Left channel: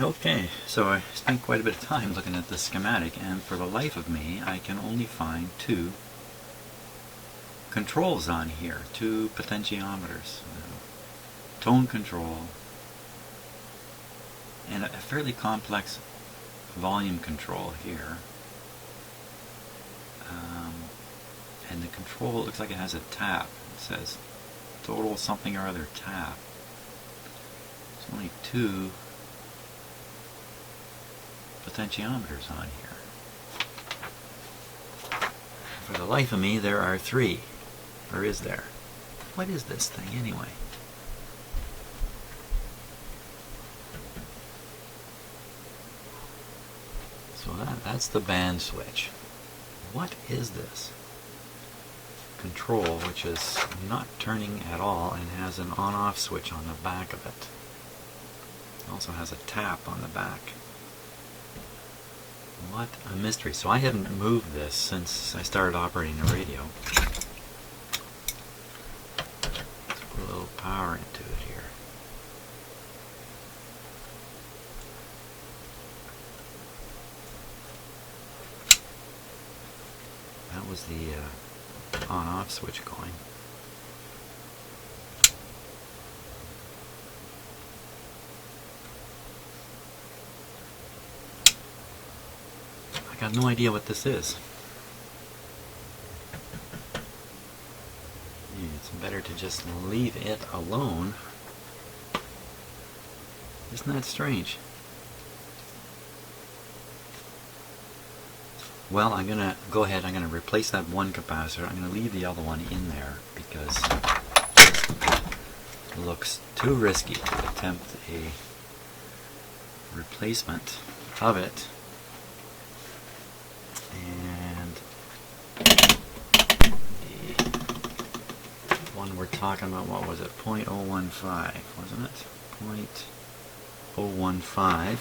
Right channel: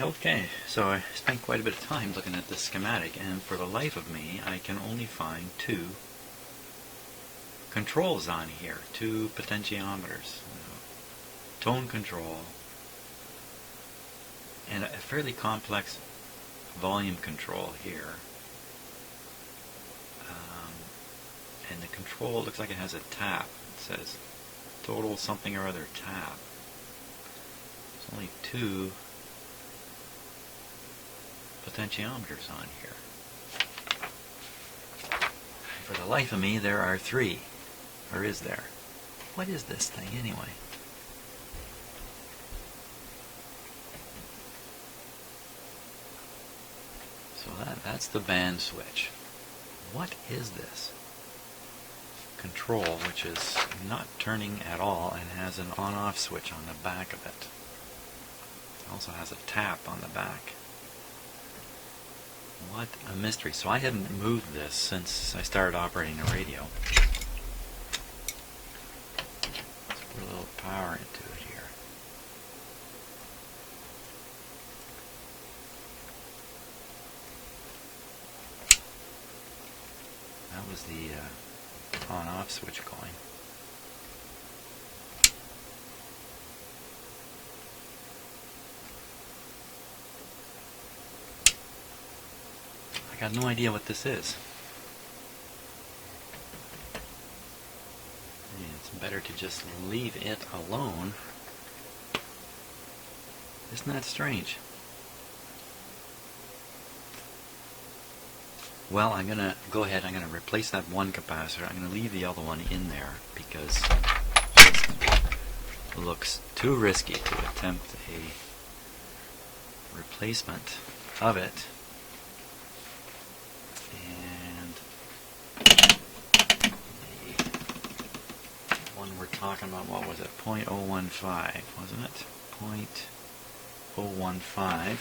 Okay, so I spent quite a bit of time looking at this schematic, and for the life of me I can only find two controls on here, two potentiometers. Tone control and a fairly complex volume control here. And the control looks like it has a tap. It says total something or other tap. There's only two potentiometers on here. For the life of me, there are three. Or is there? What is this thing anyway? So that's the band switch. What is this? Control, which is not turning at all and has an on-off switch on the back of it. It also has a tap on the back. What a mystery. So I haven't moved this since I started operating the radio. Let's put a little power into it here. That was the on-off switch going. I got no idea what this is. It's better to just leave it alone. Isn't that strange? Well, I'm going to go ahead, I'm going to replace that one capacitor. I'm going to leave the other one in there because it looks too risky to attempt a replacement of it. And the one we're talking about, what was it? 0.015, wasn't it? 0.015. 0.015.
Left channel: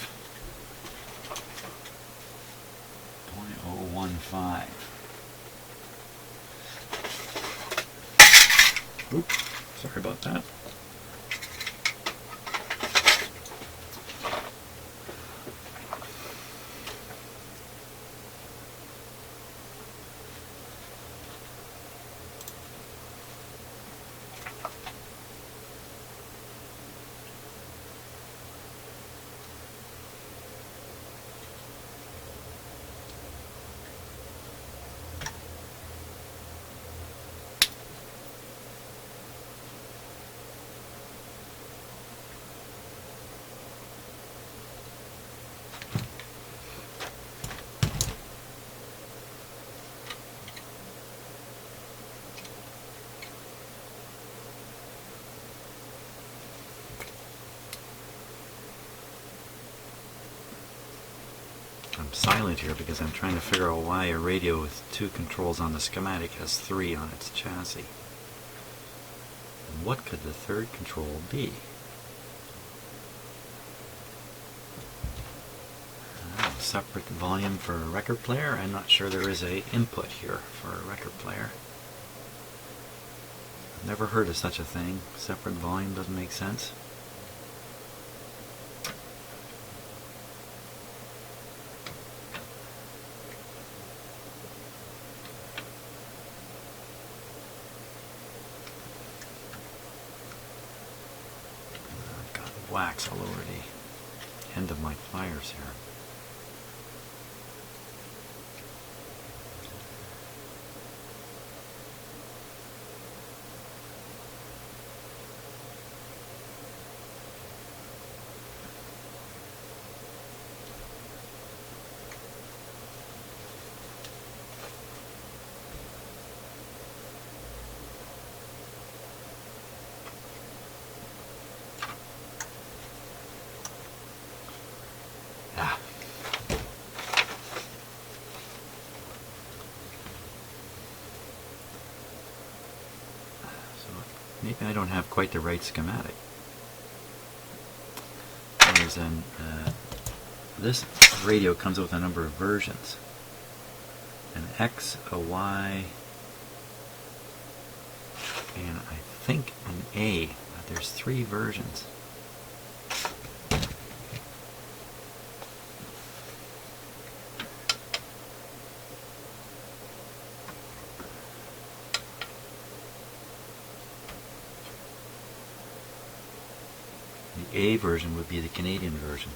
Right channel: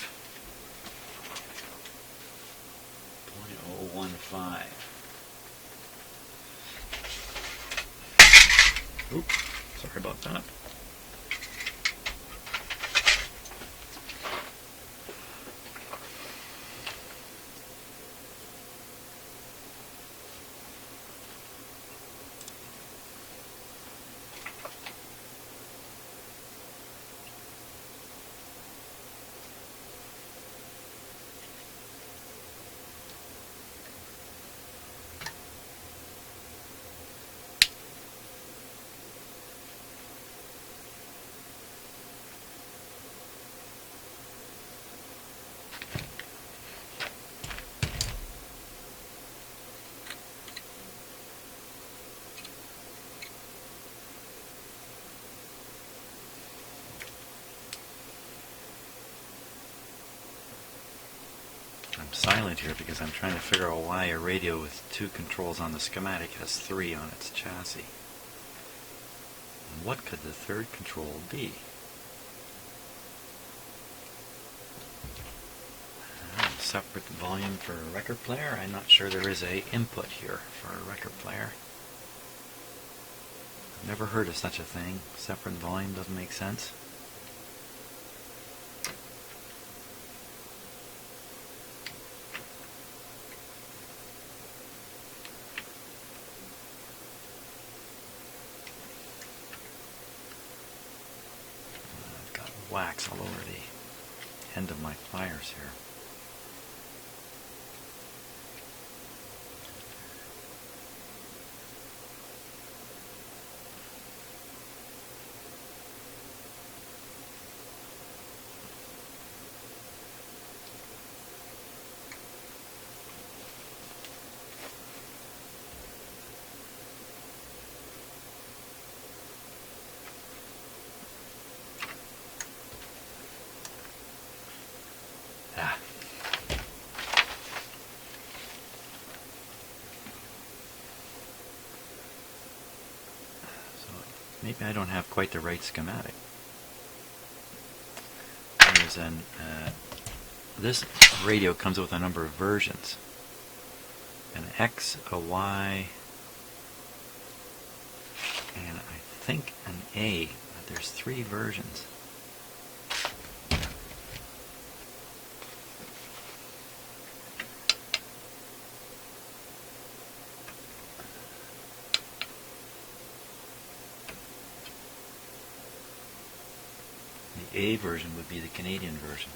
Oops, sorry about that. I'm silent here because I'm trying to figure out why a radio with two controls on the schematic has three on its chassis. And what could the third control be? Separate volume for a record player? I'm not sure there is a input here for a record player. I've never heard of such a thing. Separate volume doesn't make sense. I've got wax all over the end of my pliers here. Maybe I don't have quite the right schematic. There's this radio comes with a number of versions. An X, a Y, and I think an A. There's three versions. UK version would be the Canadian version.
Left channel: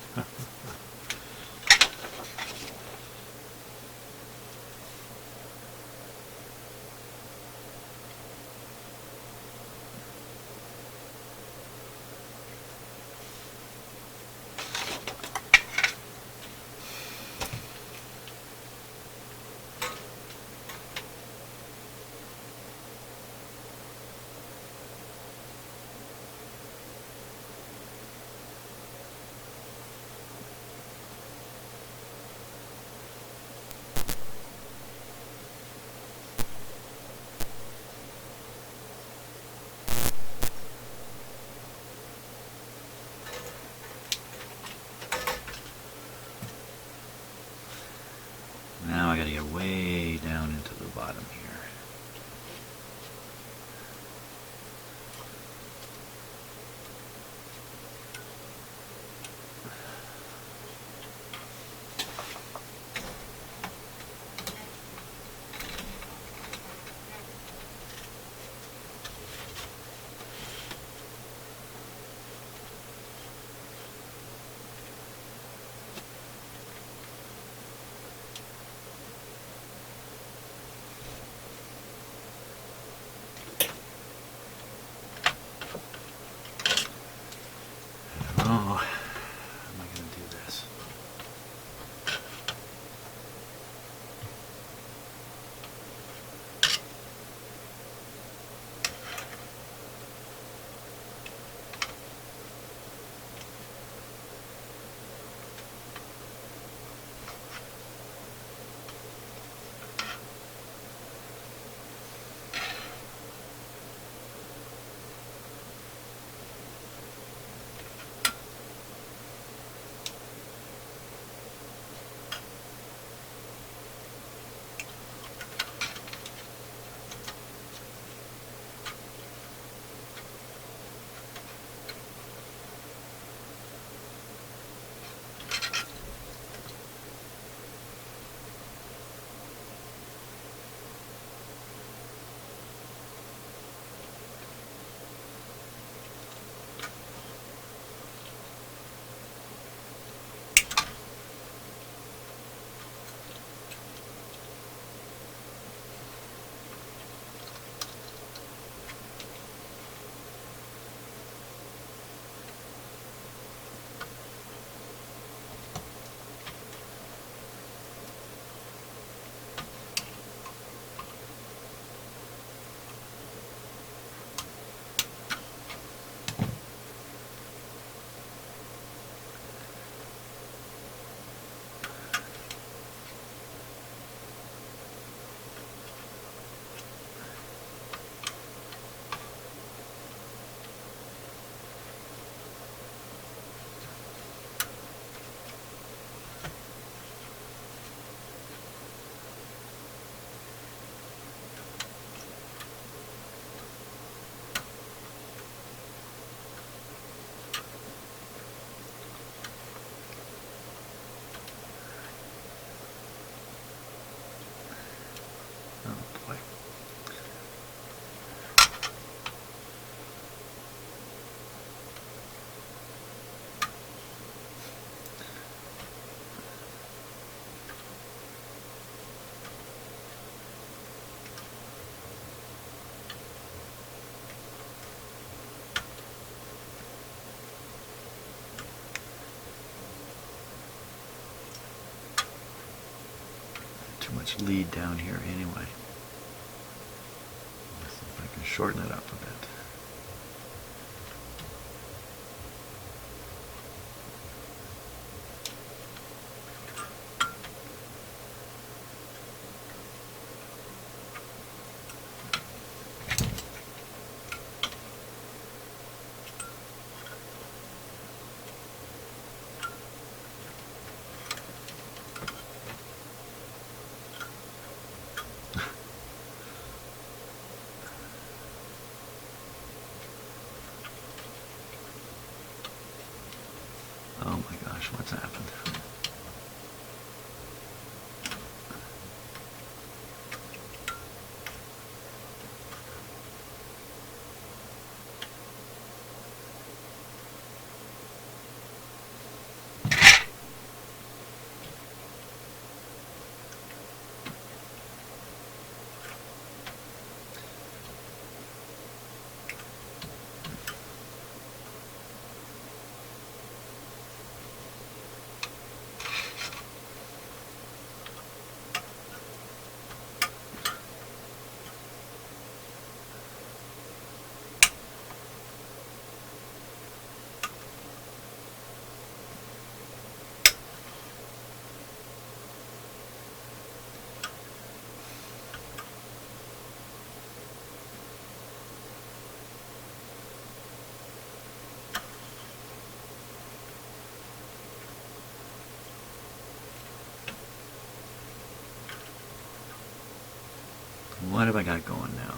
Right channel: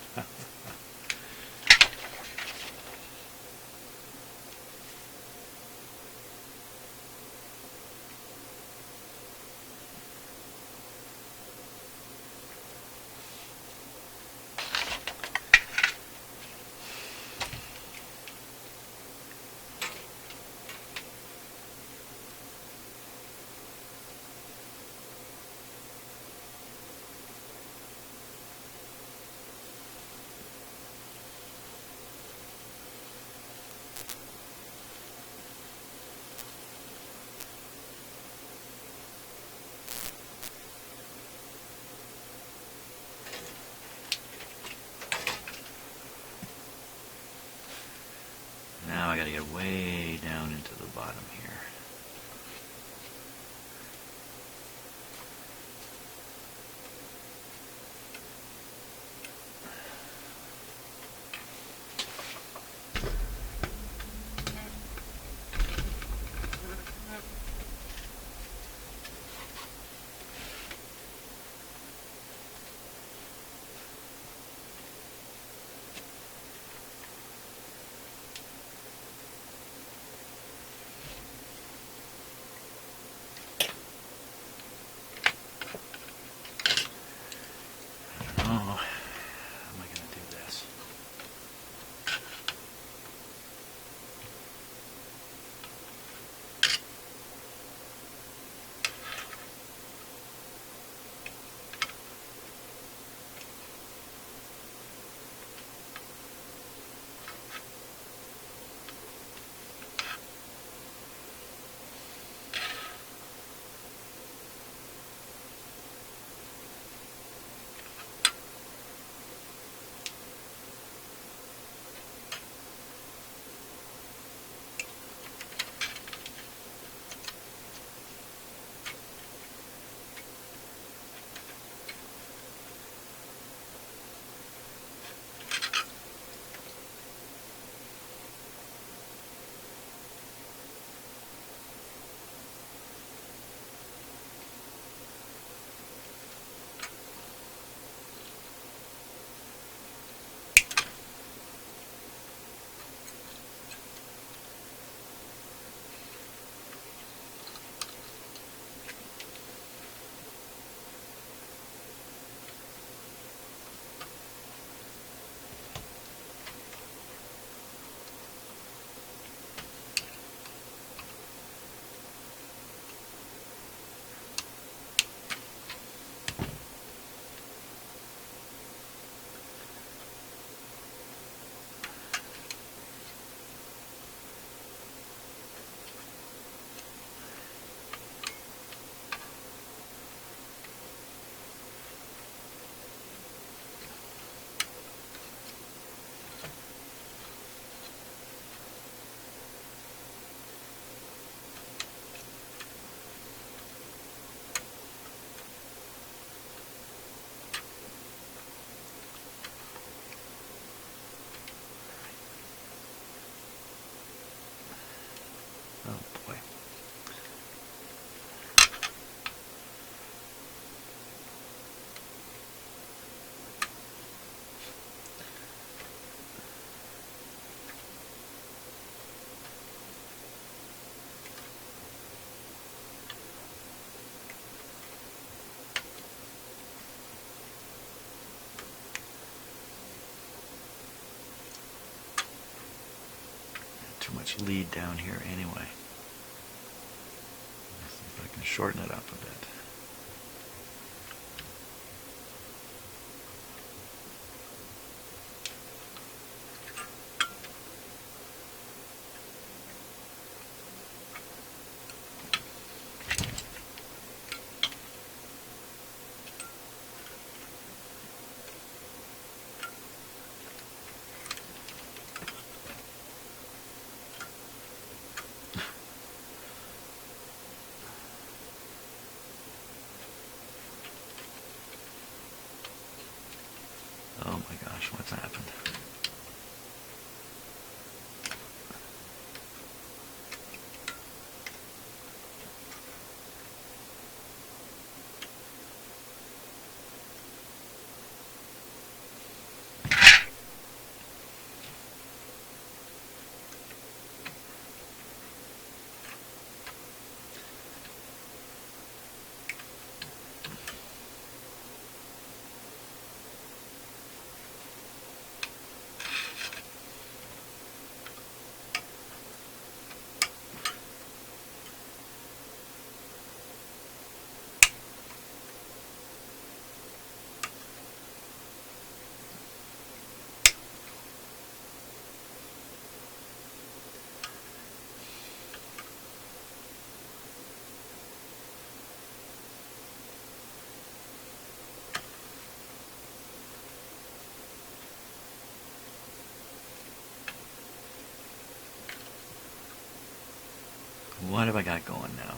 Now I gotta get way down into the bottom here. Oh, how am I going to do this? Oh boy. Too much lead down here anyway. Let's see if I can shorten it up a bit. Oh my gosh, what's happened? what have I got going now?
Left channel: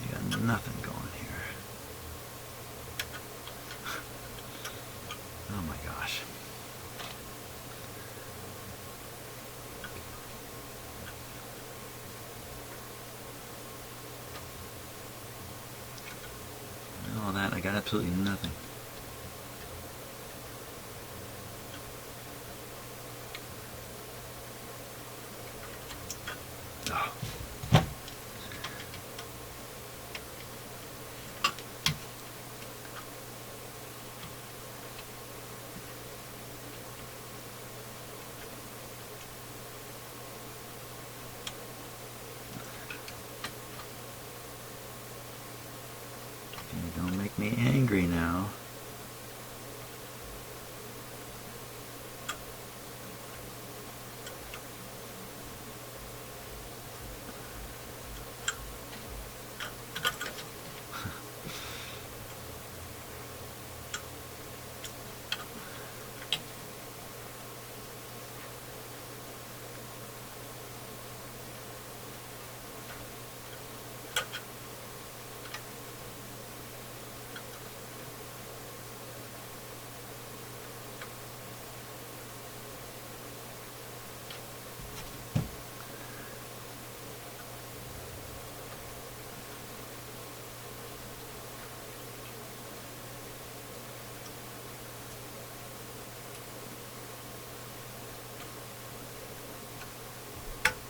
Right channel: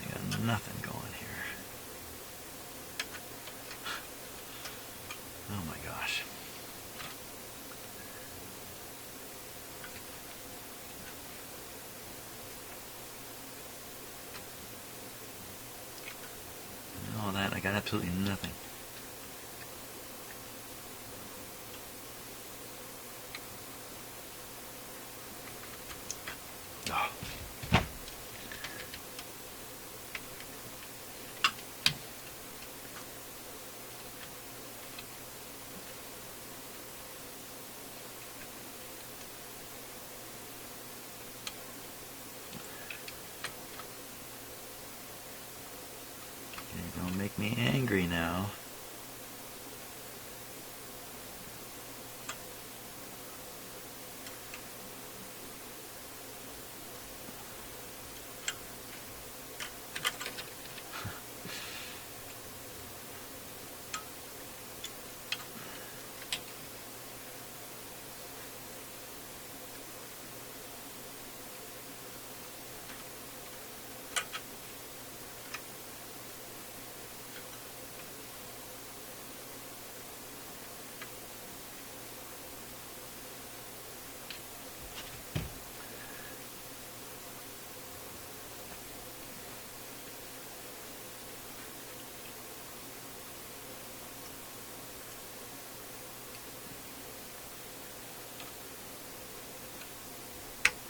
I got nothing going here. Oh my gosh. And all that, I got absolutely nothing. Oh. Don't make me angry now.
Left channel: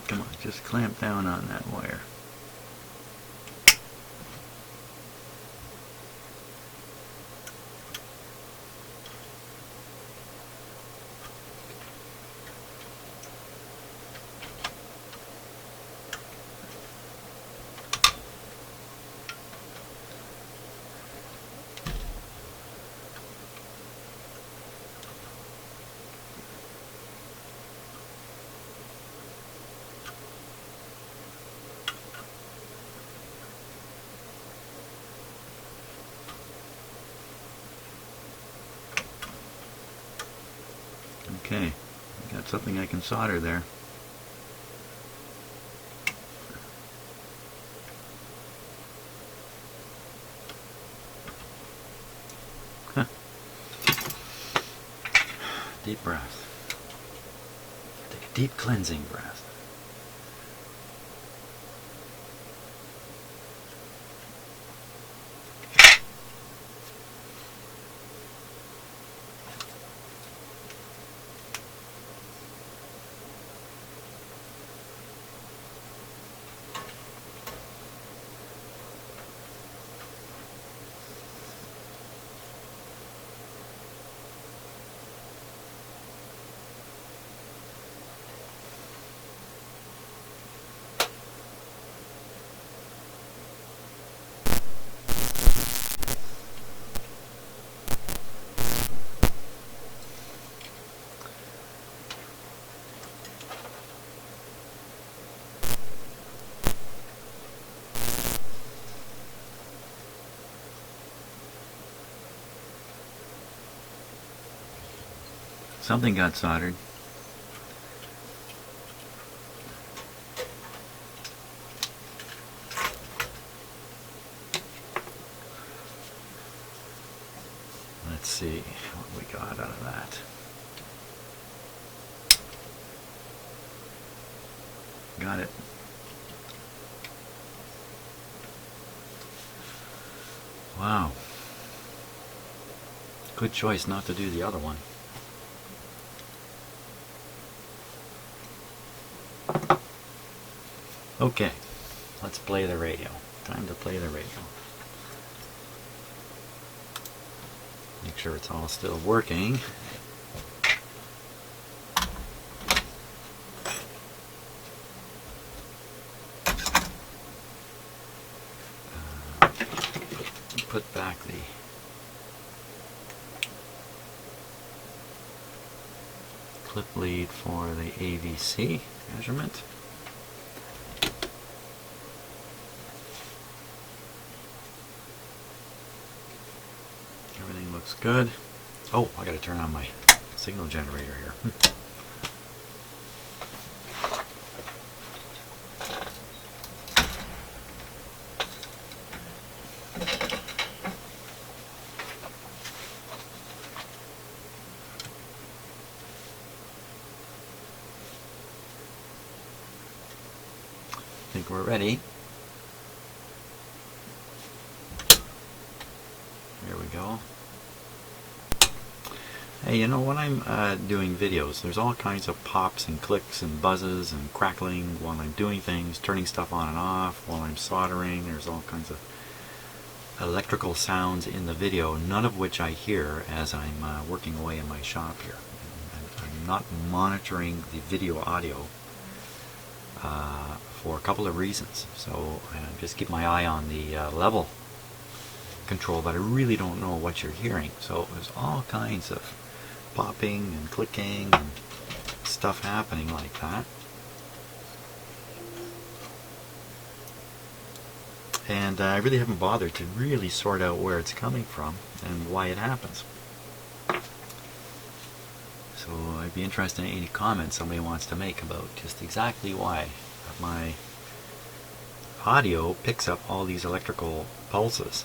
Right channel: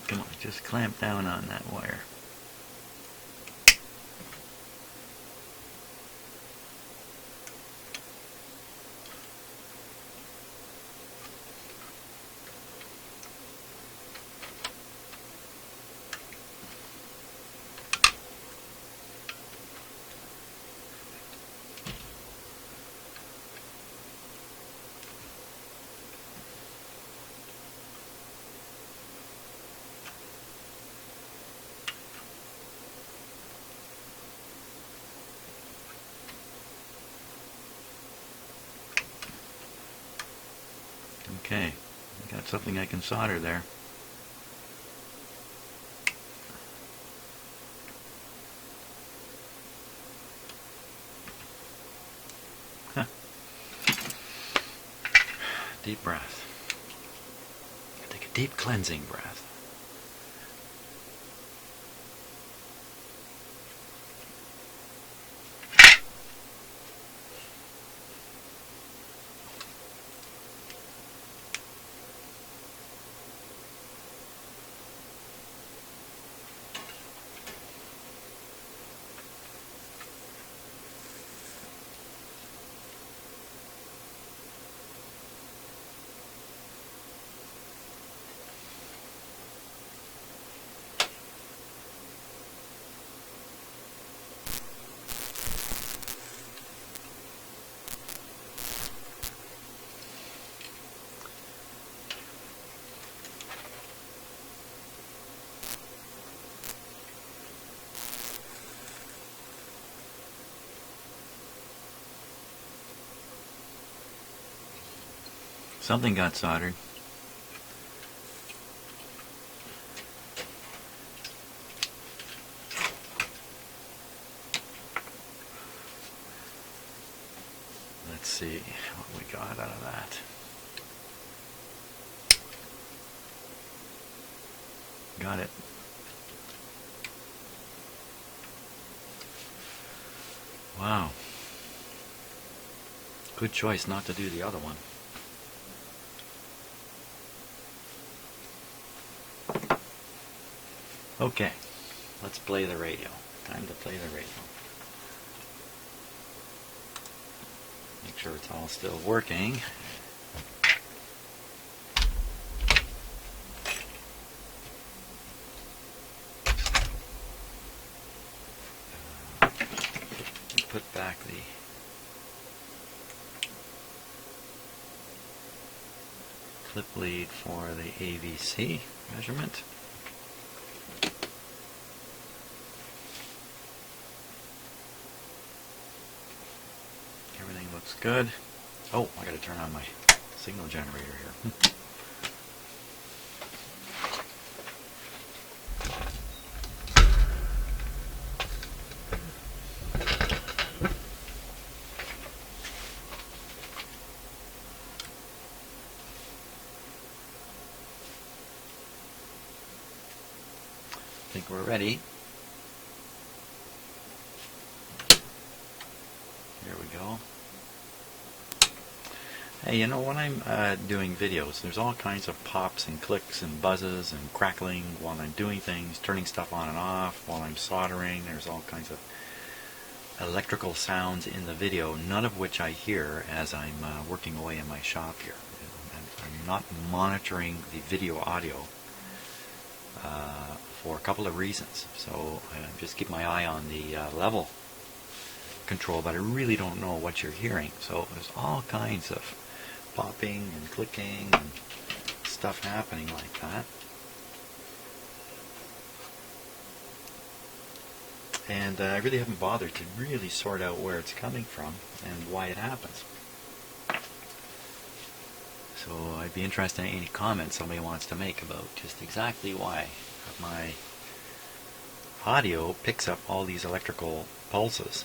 Come on, just clamp down on that wire. Okay, got something I can solder there. Huh. Deep breath. Take a deep cleansing breath. Something got soldered. Let's see what we got out of that. Got it. Wow. Good choice not to do the other one. Okay, let's play the radio. Time to play the radio. Make sure it's all still working. Put back the clip lead for the AVC measurement. Everything looks good. Oh, I got to turn on my signal generator here. we're ready. Here we go. Hey, you know, when I'm doing videos, there's all kinds of pops and clicks and buzzes and crackling while I'm doing things, turning stuff on and off, while I'm soldering. There's all kinds of electrical sounds in the video, none of which I hear as I'm working away in my shop here. I'm not monitoring the video audio for a couple of reasons. So I just keep my eye on the level control, but I really don't know what you're hearing. So there's all kinds of popping and clicking and stuff happening like that. And I really haven't bothered to really sort out where it's coming from and why it happens. So I'd be interested in any comments somebody wants to make about just exactly why my audio picks up all these electrical pulses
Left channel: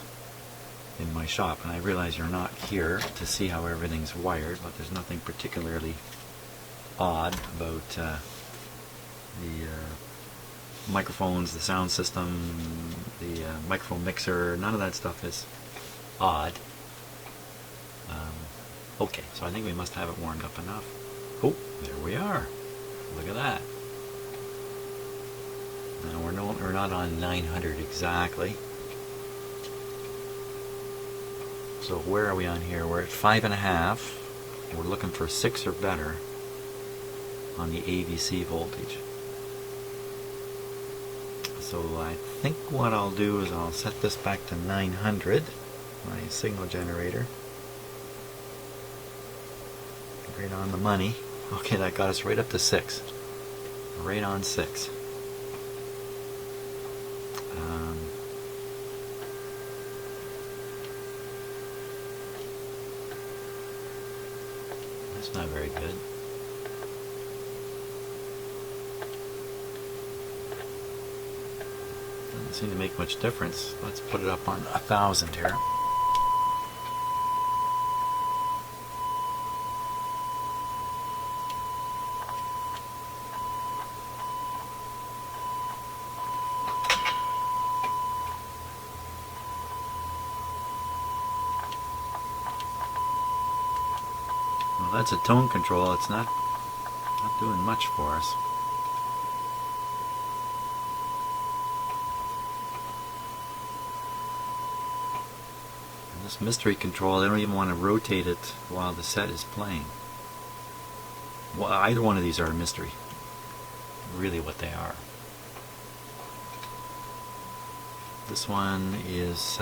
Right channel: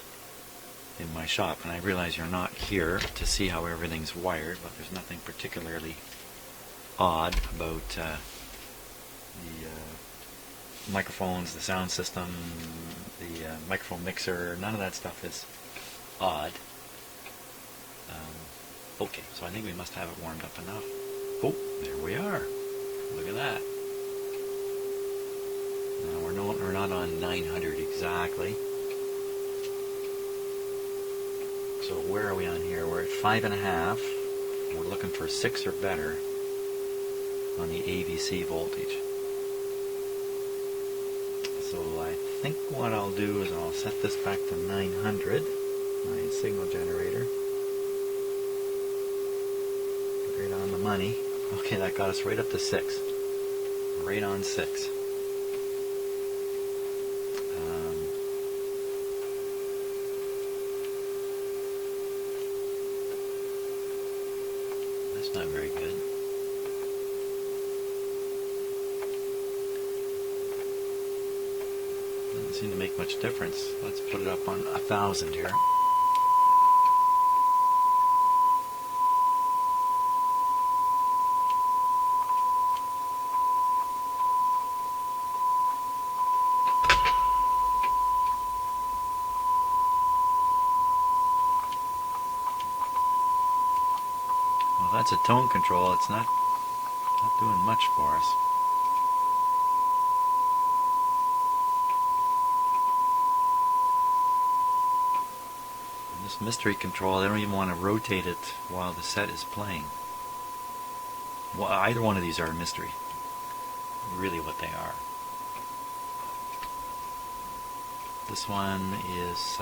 in my shop. And I realize you're not here to see how everything's wired, but there's nothing particularly odd about the microphones, the sound system, the microphone mixer. None of that stuff is odd. Okay, so I think we must have it warmed up enough. Oh, there we are. Look at that. We're not on 900 exactly. So where are we on here? We're at 5.5. We're looking for 6 or better on the AVC voltage. So I think what I'll do is I'll set this back to 900, my signal generator. Right on the money. Okay, that got us right up to 6. Right on 6. That's not very good. Doesn't seem to make much difference. Let's put it up on 1,000 here. Well, that's a tone control. It's not doing much for us. And this mystery control, I don't even want to rotate it while the set is playing. Well, either one of these are a mystery. Really what they are. This one is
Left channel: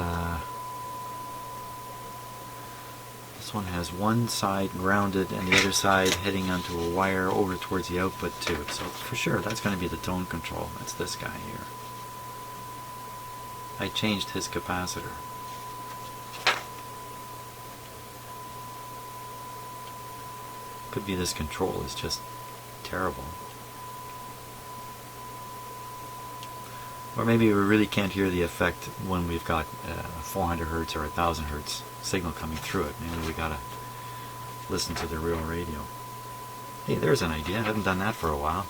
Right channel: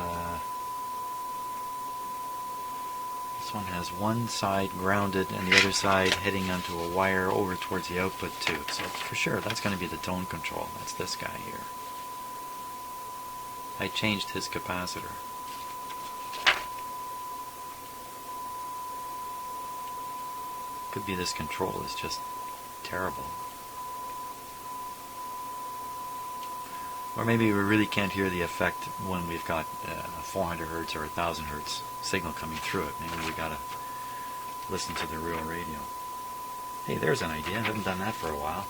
this one has one side grounded and the other side heading onto a wire over towards the output tube. So for sure that's going to be the tone control. That's this guy here. I changed his capacitor. Could be this control is just terrible. Or maybe we really can't hear the effect when we've got 400 hertz or 1000 hertz signal coming through it. Maybe we gotta listen to the real radio. Hey, there's an idea. I haven't done that for a while.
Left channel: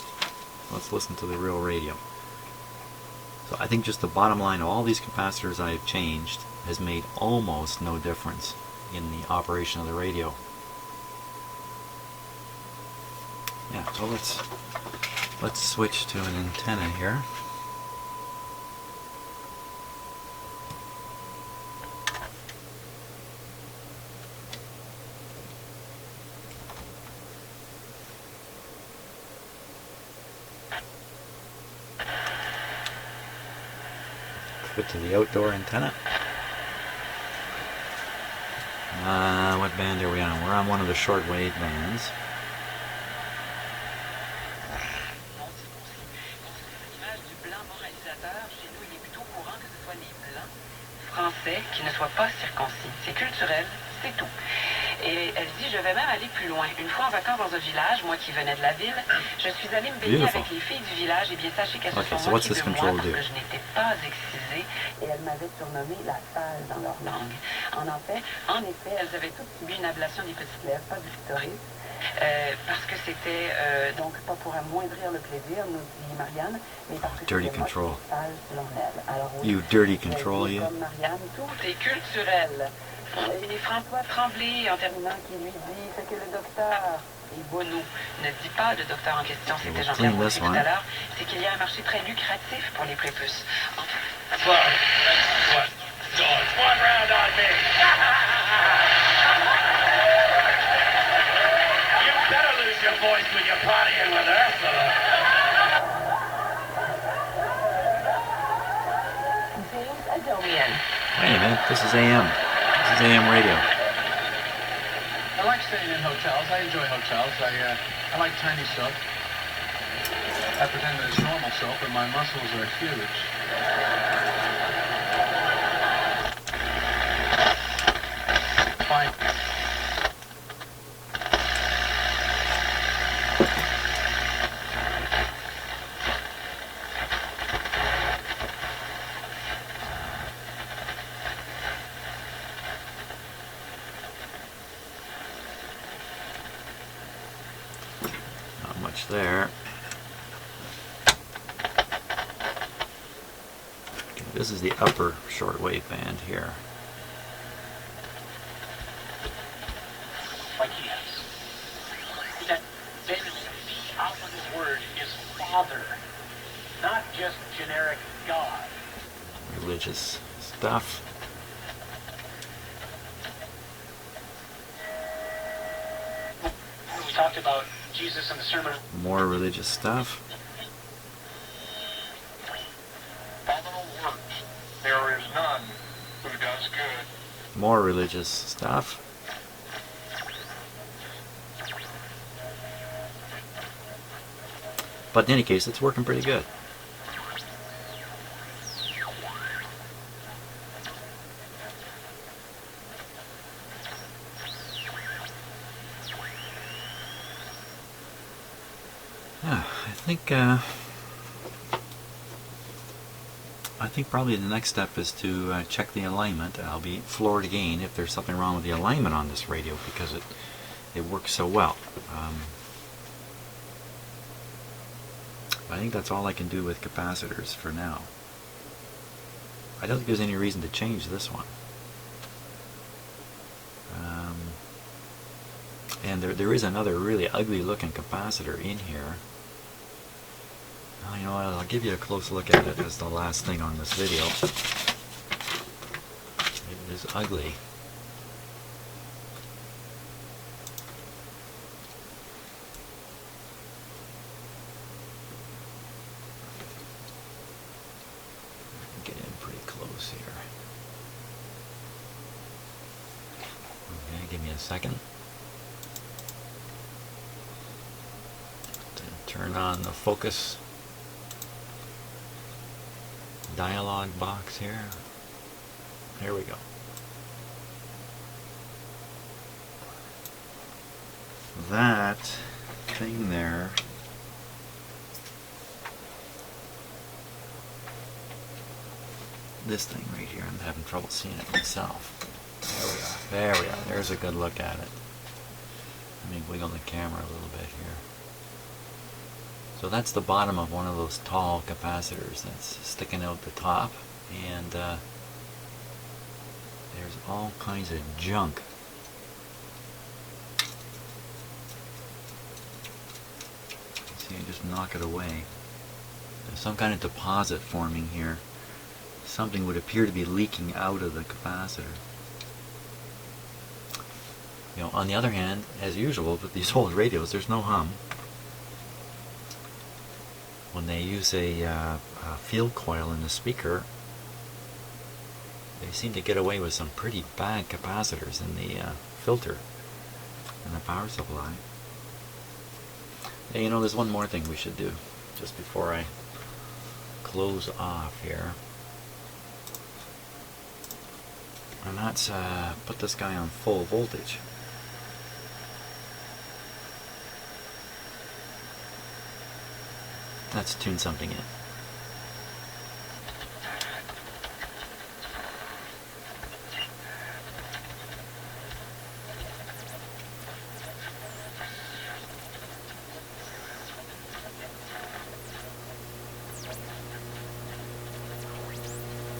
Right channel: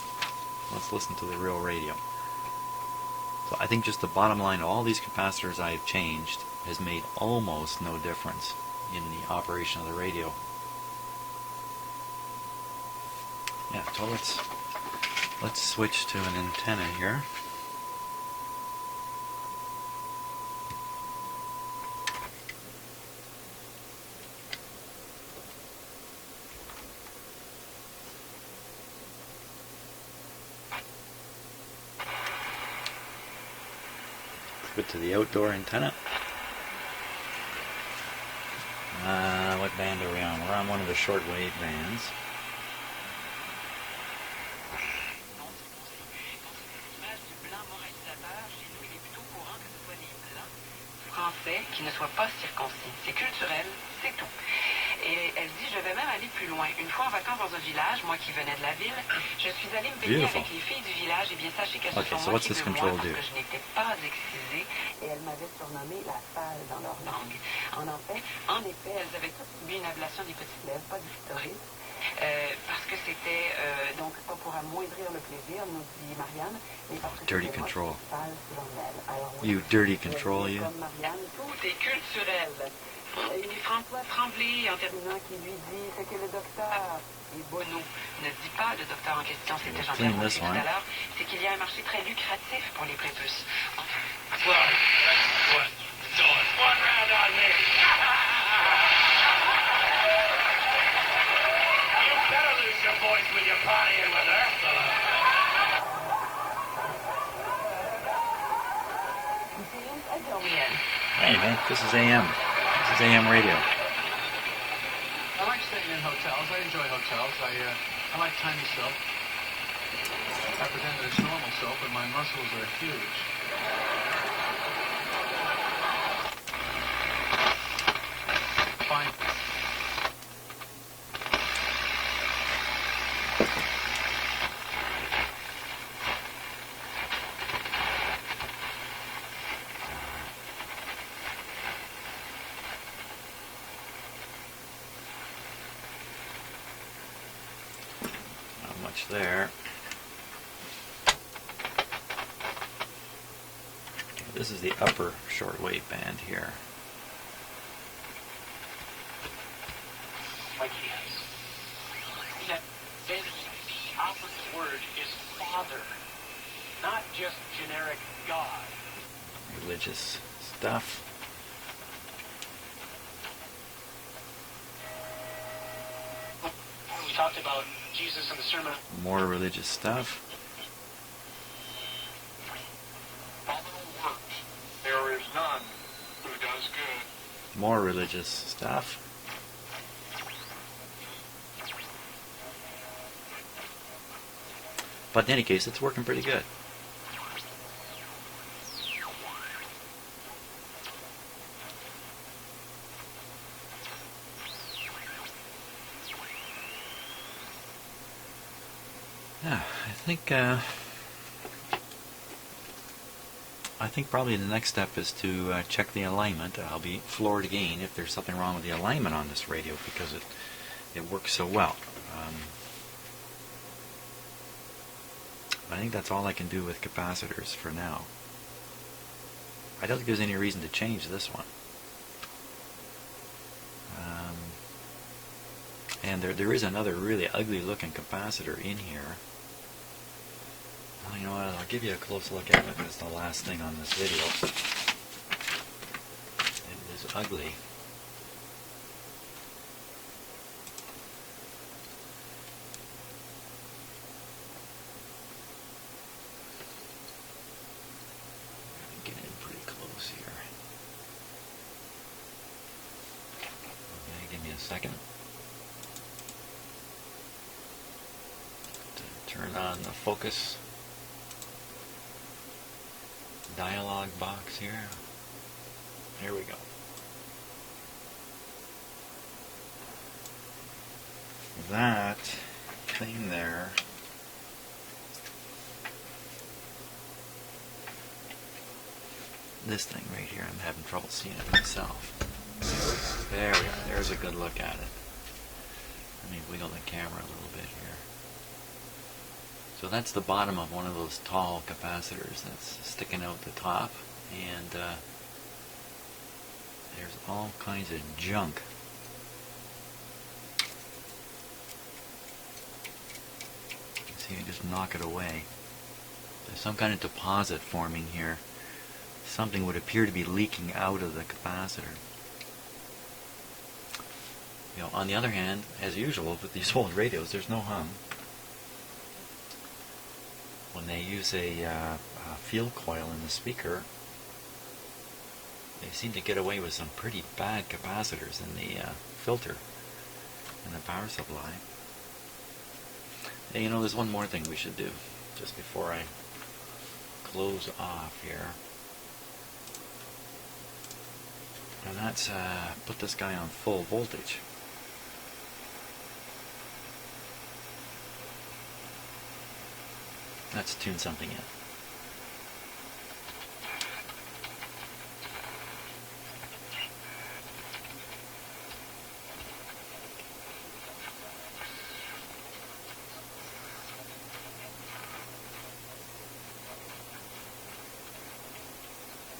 Let's listen to the real radio. So I think just the bottom line of all these capacitors I have changed has made almost no difference in the operation of the radio. Yeah, so let's switch to an antenna here. Put to the outdoor antenna. What band are we on? We're on one of the shortwave bands. Français qui ne soit pas circoncis. C'est culturel, c'est tout. Et elle dit, je vais même aller plus loin. Une fois en vacances dans un village, moi qui venais de la ville, je suis allée me baigner avec les filles du village. Et bien, sachez qu'elles se sont moquées de moi parce que je n'étais pas excisée. Et elles m'avaient surnommée la sale dans leur langue. En effet, elles avaient toutes subi une ablation des petites lèvres, pas du clitoris. Parce que c'était donc pas pour amoindrir le plaisir, nous dit Marianne, mais parce que dirty c'était control. sale selon elle. Alors, oui, You dirty control, you. Comme Marianne, tout est culturel. Et François Tremblay, en terminant, qui lui dit ce que le docteur et Bono ne dit pas, le docteur en question, c'était Jean-Pierre Boucher tout à l'heure, c'est qu'il y a un marché très lucratif pour les prépuces. One round on me. Better lose your voice when you're partying with Ursula. James Adomian. Wait a minute, this is AM. This is AM radio. I like staying in hotels. I enjoy hotels. I like tiny soap. I pretend that it's normal soap, and my muscles are huge. Fine. There. This is the upper shortwave band here. Like he has. That the operative word is Father, not just generic God. Religious stuff. We talked about Jesus and the Sermon. More religious stuff. Phenomenal works. There is none who does good. More religious stuff. But in any case, it's working pretty good. I think probably the next step is to check the alignment. I'll be floored again if there's something wrong with the alignment on this radio because it works so well. I think that's all I can do with capacitors for now. I don't think there's any reason to change this one. And there is another really ugly looking capacitor in here. Well, you know what, I'll give you a close look at it as the last thing on this video. It is ugly. Get in pretty close here. Okay, give me a second. Turn on the focus dialog box here. Here we go. That thing there this thing right here, I'm having trouble seeing it myself. There we go. There's a good look at it. Let me wiggle the camera a little bit here. So that's the bottom of one of those tall capacitors that's sticking out the top, and there's all kinds of junk. See, I just knock it away. There's some kind of deposit forming here. Something would appear to be leaking out of the capacitor. You know, on the other hand, as usual with these old radios, there's no hum. When they use a field coil in the speaker, they seem to get away with some pretty bad capacitors in the filter in the power supply. Hey, you know, there's one more thing we should do just before I close off here. And that's put this guy on full voltage. Let's tune something in.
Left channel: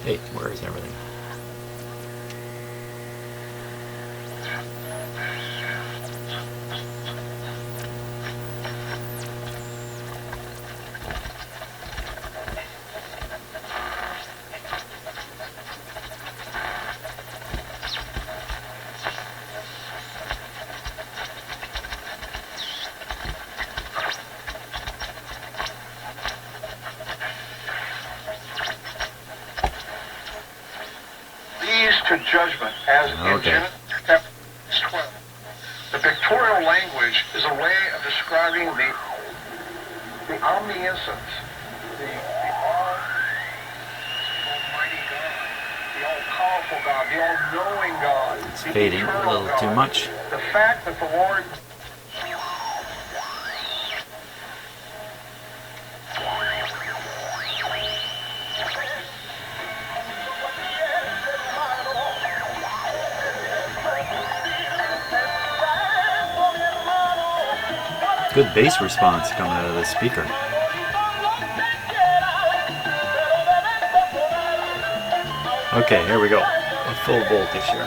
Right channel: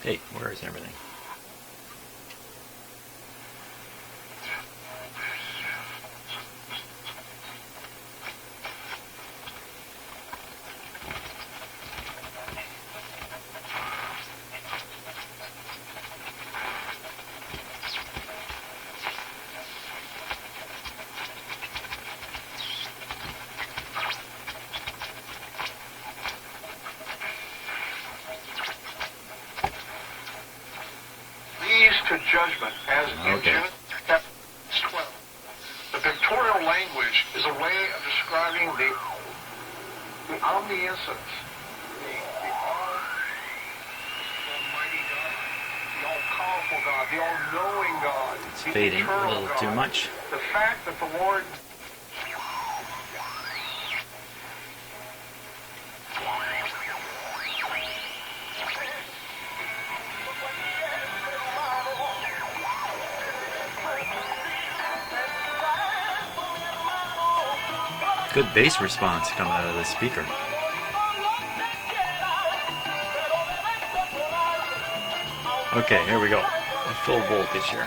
Hey, where is everything? To judgment as in Genesis chapter 12. The pictorial language is a way of describing the omniscience, the almighty God, the all-powerful God, the all-knowing God, It's the fading eternal a little God. too much. The fact that the Lord Good bass response coming out of this speaker. Okay, here we go. A full voltage here.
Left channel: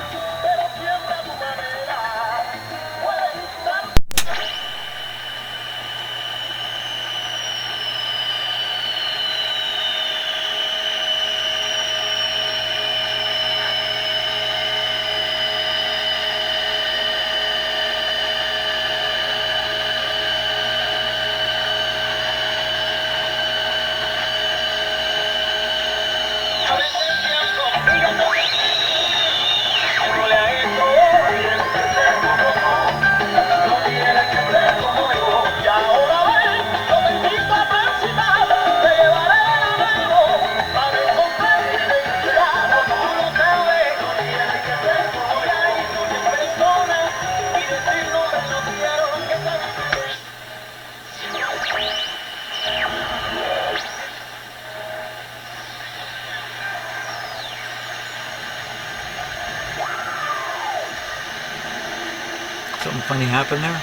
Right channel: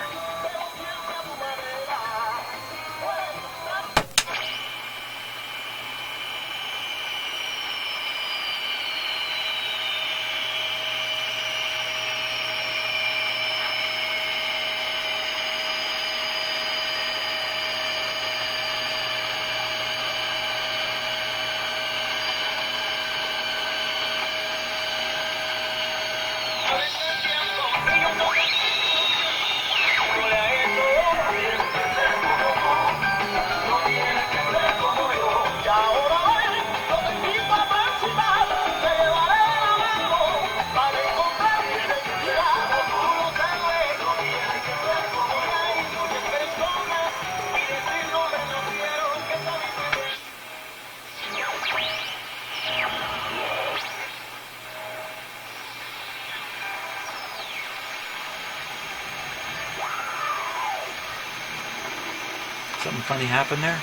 Something funny happened there?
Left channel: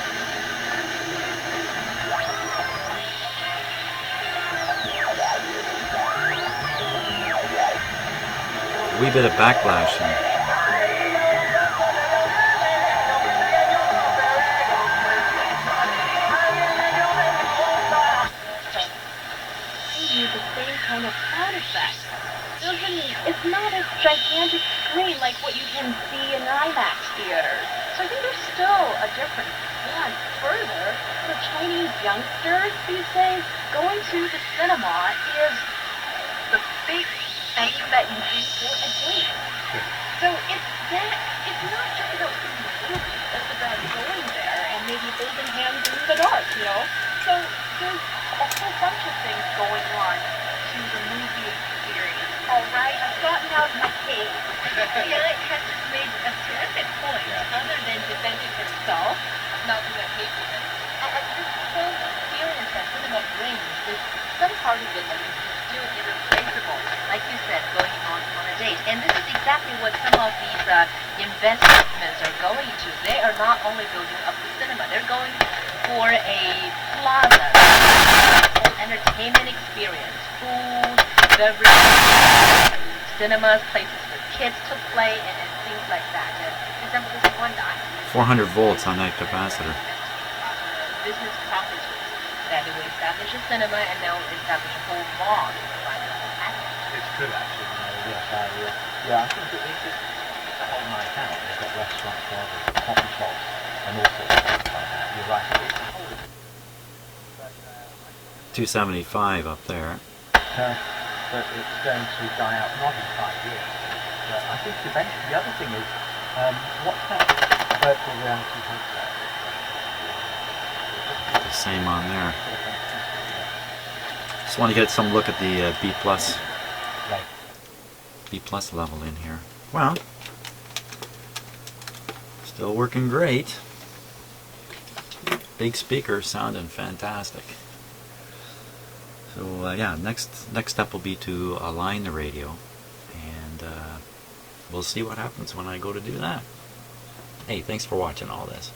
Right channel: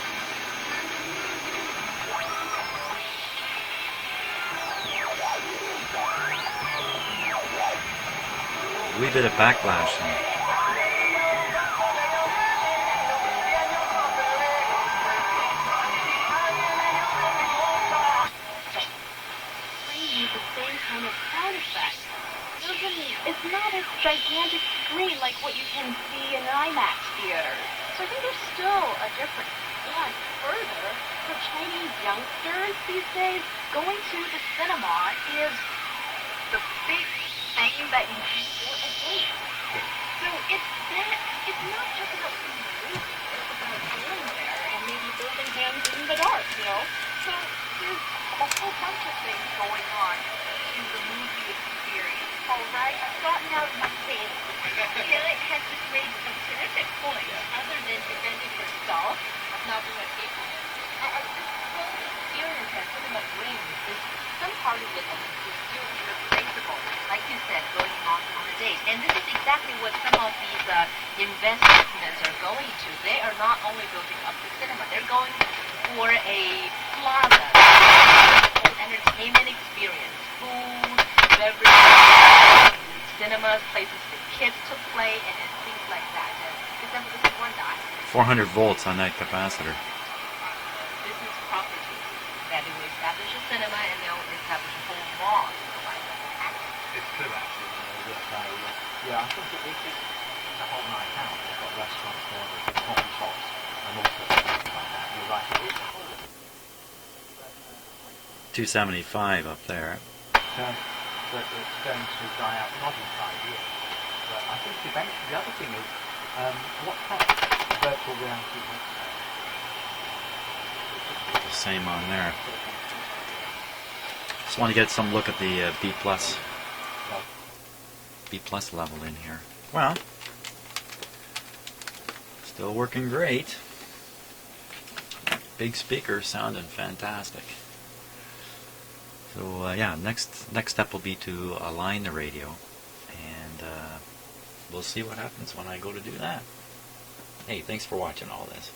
A wee bit of backlash there. The same kind of sound effect. It's not a gigantic screen like what you can see in IMAX theaters. So I think there's still a difference. Yeah, and further, for Chinese youngsters these days, going to the cinema is the big thing that you do for a date. So it's not just about seeing the movie, it's about going there and maybe holding hands in the dark, you know? So there's a whole bunch of things going on to the movie experience. All right, I've gotten out of my cave. Eric has just made a terrific point. Other than defending himself, not being a cave woman. And this whole experience that cinema brings is some part of it is still irreplaceable. Like you said, going on a date. And this is exactly what some of these investments are going to. They are not only building up the cinema, they're going for a plaza, whole entertainment experience, food, beverage, cinemas, places for kids to play, and things like that. And for example, this is one guy. 400 volts on that capacitor. Business properties that they will establish a cinema and they'll establish a whole mall. It's true, actually. Yeah, I think it's the whole night out. They've got restaurants there, there's coffee shops, and all sorts of things like that. You're right. It's a whole 275 up there. but it's going to die out not in 5 years. But I think eventually the other thing is what's that virtual reality headset? Same on there. Just want to get some look at the B plus level in here. Well, still working great. Big speaker sounding fantastic. So yeah, next step will be to align the radio, and we'll see what happens when I go to do that. Hey, thanks for watching all this.